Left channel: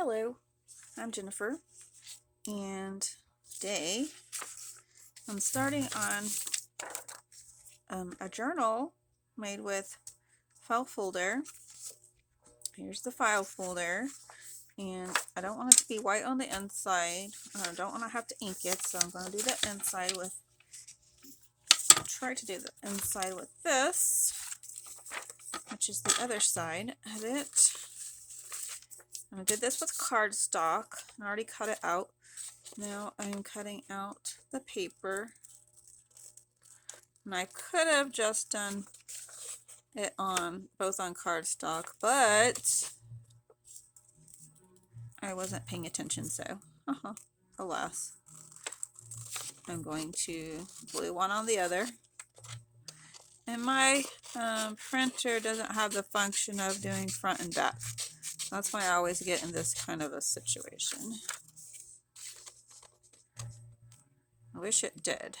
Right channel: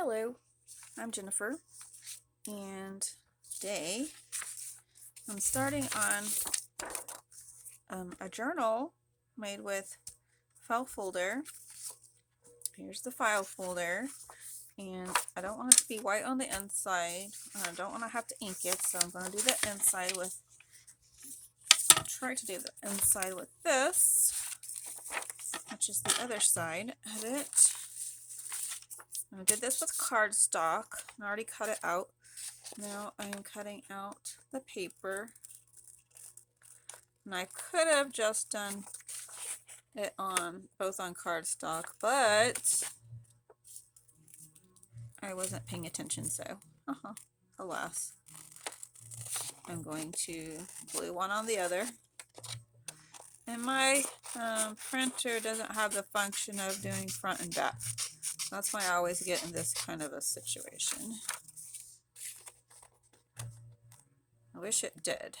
Hello, I'm Jennifer, and today I'm starting on a journal made with file folder. Here's the file folder, and I don't want it to be white on the inside. I don't want to have to ink it, so I'm going to do the inside with, try to do the inside with this, which is the other side of it. I did this with cardstock. I already cut it out. Now I'm cutting out the paper. And I could have just done it both on cardstock, but I wasn't paying attention, so alas. I'm going to glue one on the other. And my printer doesn't have the function of doing front and back. That's why I always get in this kind of a situation. I wish it did.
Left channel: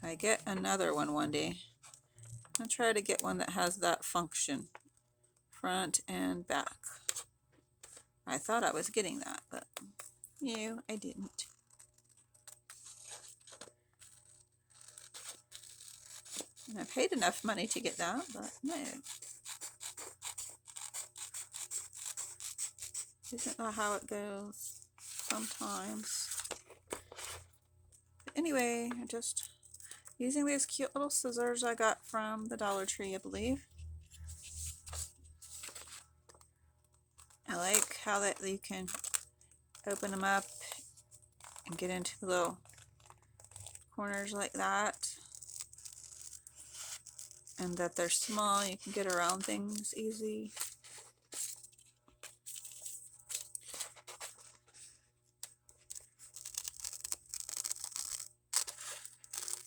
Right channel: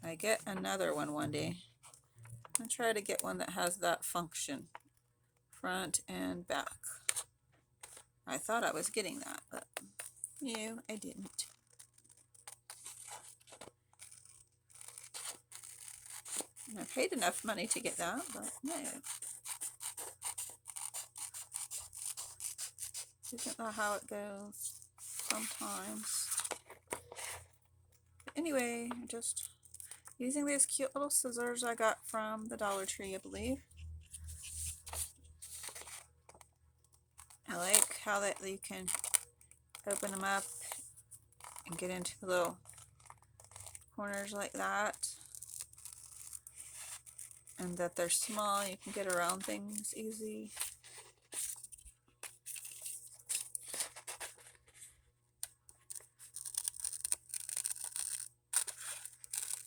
I get another one day. I'll try to get one that has that function, front and back. I thought I was getting that, but no, I didn't. And I paid enough money to get that, but no. Isn't that how it goes sometimes? But anyway, I'm just using these cute little scissors I got from the Dollar Tree, I believe. I like how that you can open them up and get into the little corners like that. And that they're small, you can get around things easy.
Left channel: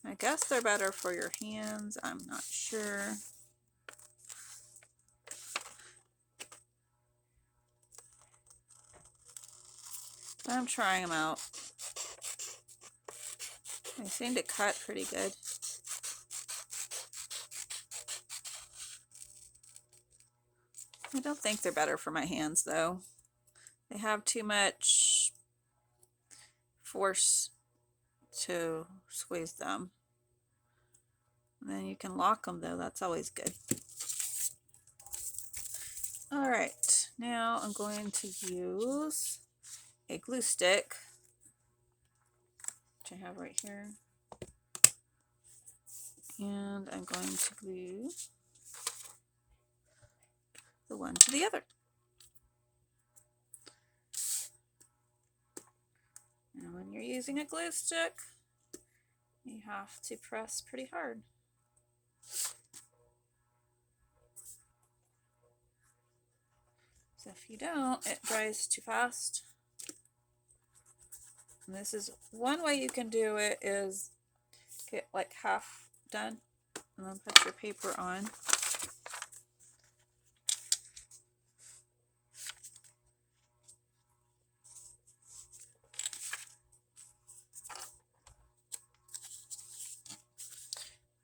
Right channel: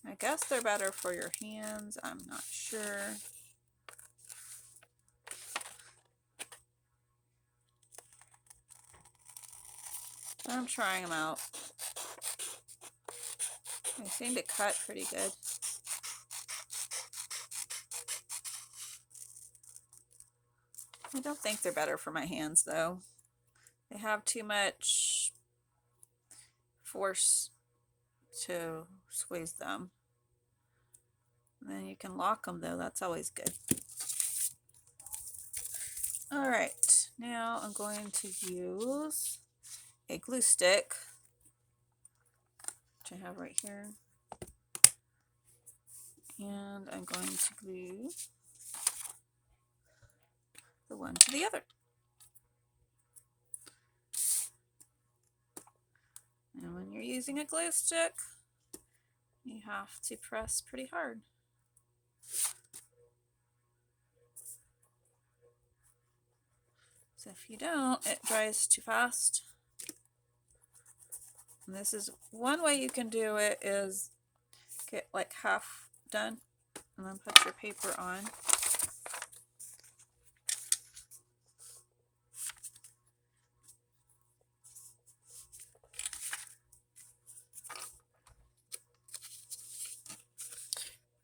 I guess they're better for your hands, I'm not sure. I'm trying them out. They seem to cut pretty good. I don't think they're better for my hands though. They have too much force to squeeze them. And then you can lock them though, that's always good. Alright, now I'm going to use a glue stick, which I have right here. And I'm going to glue the one to the other. And when you're using a glue stick, you have to press pretty hard. So if you don't, it dries too fast. And this is one way you can do it, is get like half done and then put your paper on.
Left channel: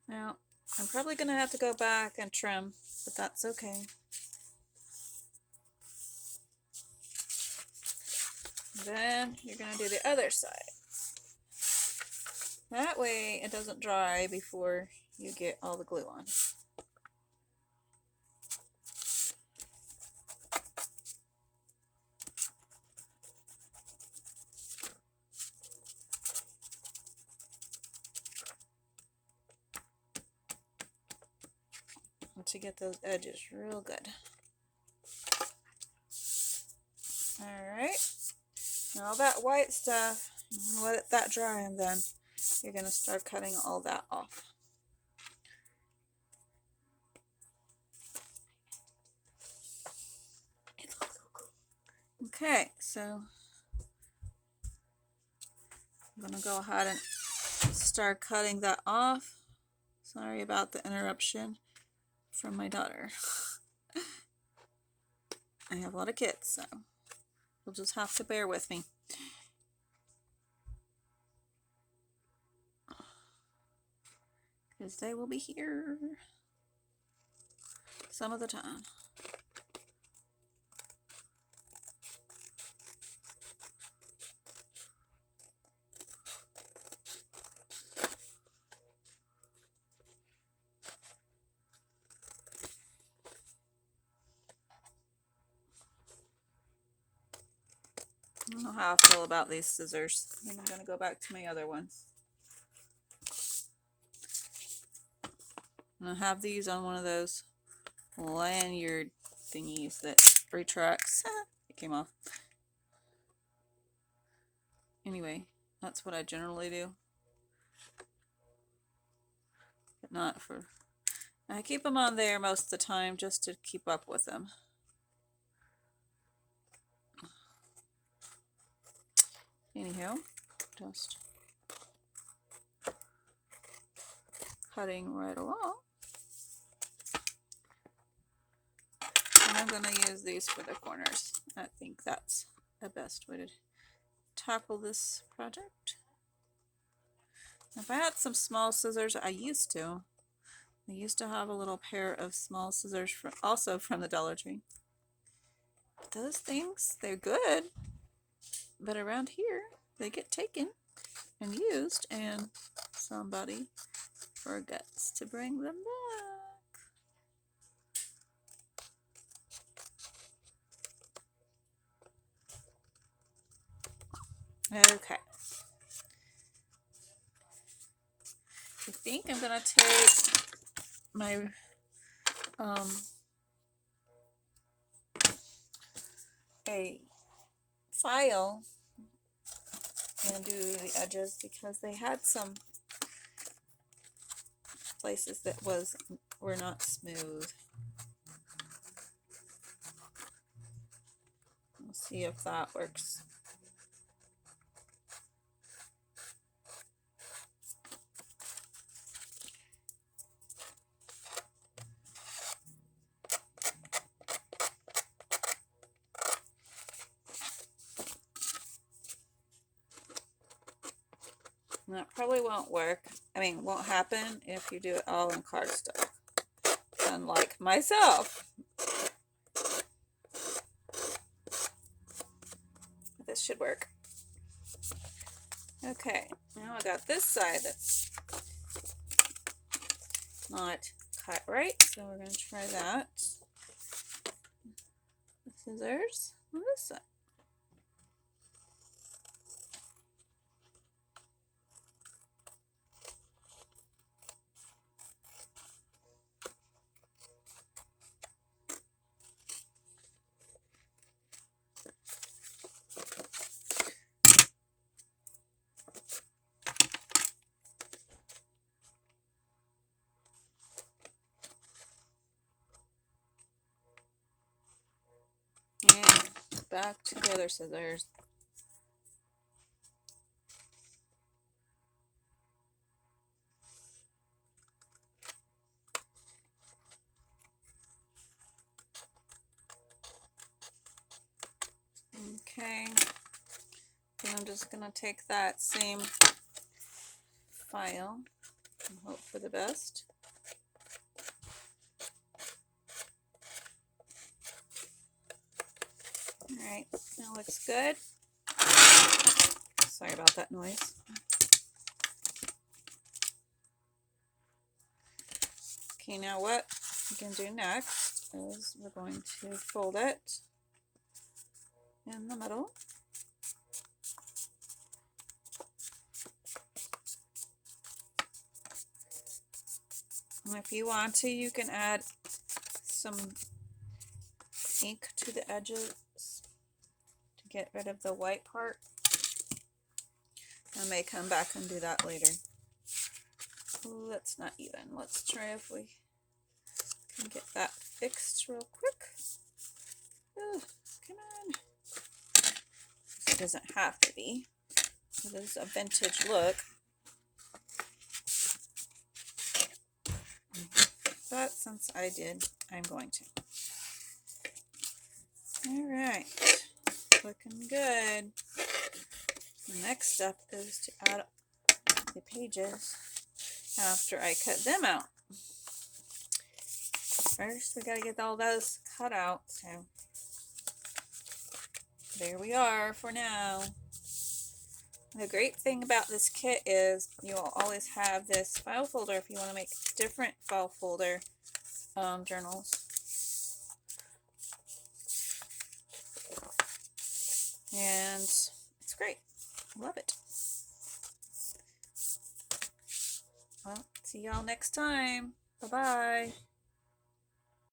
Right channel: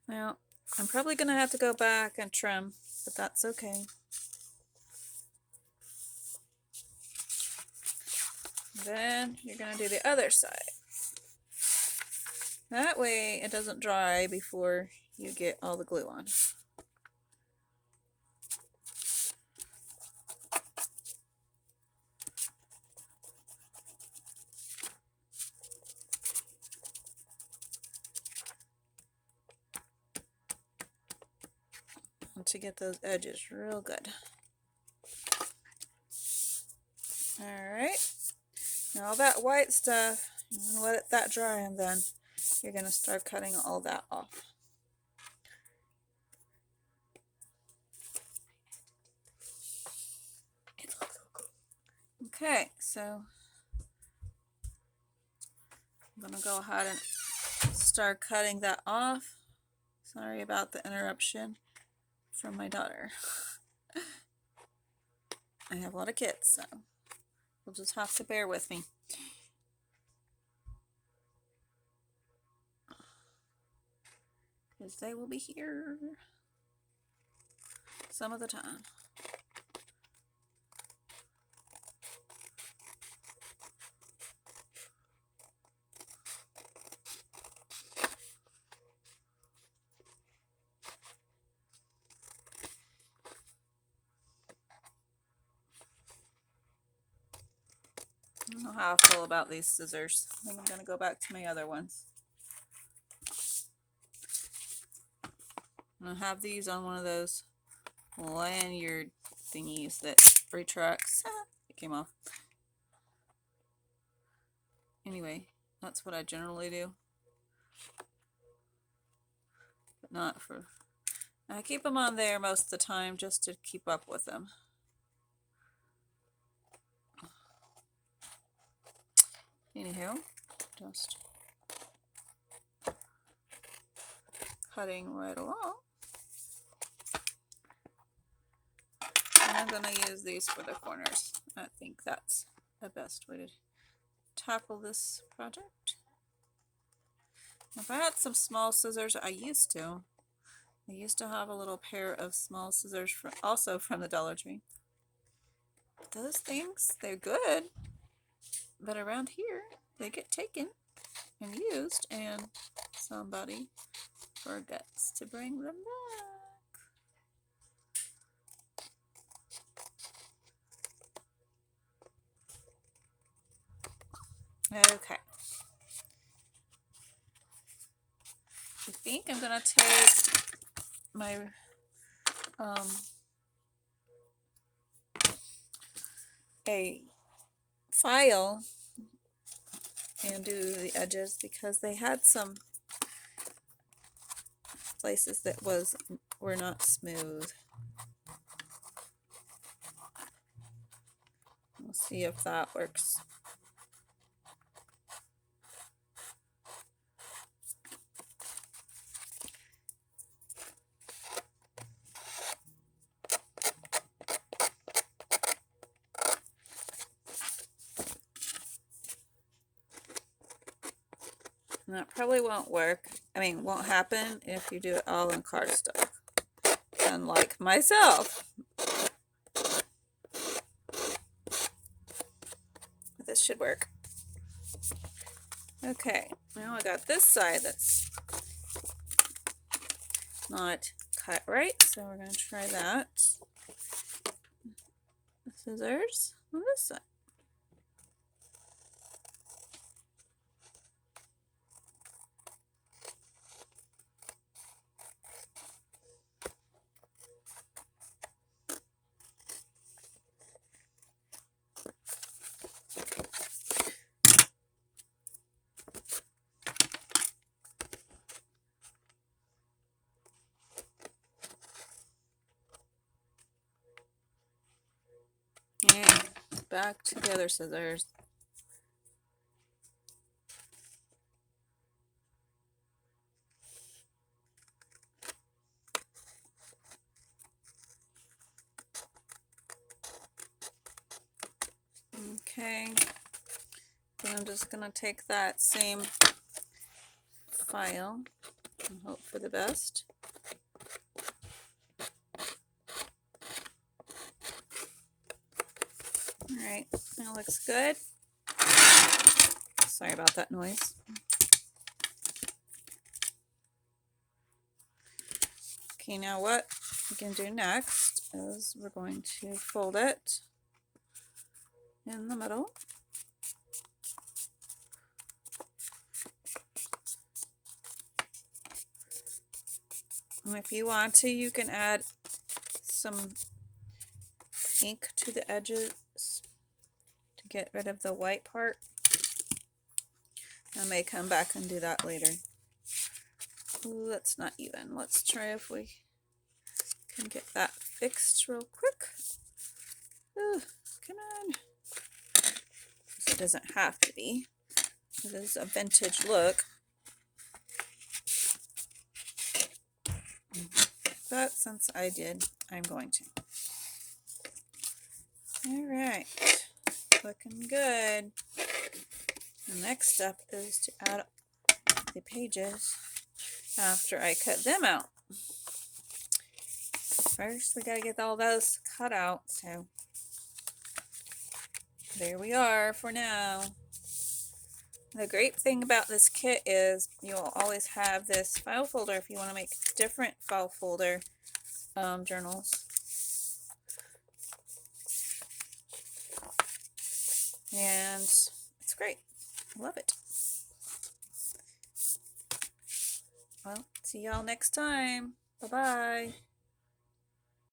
Now, I'm probably going to have to go back and trim, but that's okay. Then you're going to do the other side. That way it doesn't dry before you get all the glue on. And to get those edges real good. Alright, now all that white stuff, let that dry, and then you're going to start cutting all that off. Okay, so I'm going to go ahead and start cutting that off. Sorry about the interruption from my daughter. I have a lot of kids, so you'll just have to bear with me. Because they will be here some of the time. don't know how I feel about these scissors. I think I'm going to go back to my other ones. And I have these on one of those lanyard thingies that retracts. It came off. Anyway, that's what I generally do. But not for... I keep them on there most of the time just to keep up with them. Anyhow, just cutting right along. And I'm going to use these for the corners. I think that's the best way to tackle this project. If I had some small scissors, I used to have a little pair of small scissors also from the Dollar Tree. Those things, they're good, but around here they get taken and used and somebody forgets to bring them back. Okay. I think I'm gonna take my a file and do the edges because they had some places that were not smooth. We'll see if that works. And that probably won't work. I mean, won't happen if you do it all in cardstock. Unlike myself. But this should work. Okay, now I got this side that's not cut right, so we're going to try that. The scissors on this side. And back to the other scissors. Okay, and I'm just going to take that same file and hope for the best. Alright, that looks good. Sorry about that noise. Okay, now what we can do next is we're going to fold it in the middle. And if you want to, you can add some ink to the edges to get rid of the white part. I may come back and do that later. Ooh, that's not even. Let's try if we can get that fixed real quick. Ooh, come on. It doesn't have to be. It is a vintage look. But since I did, I'm going to. Alright, looking good. The next step is to add the pages after I cut them out. First, we gotta get all those cut out, so there we are for now. The great thing about this kit is you'll always have this file folder if you want to make different file folder journals. and it's great. I love it. Well, see y'all next time. Bye-bye.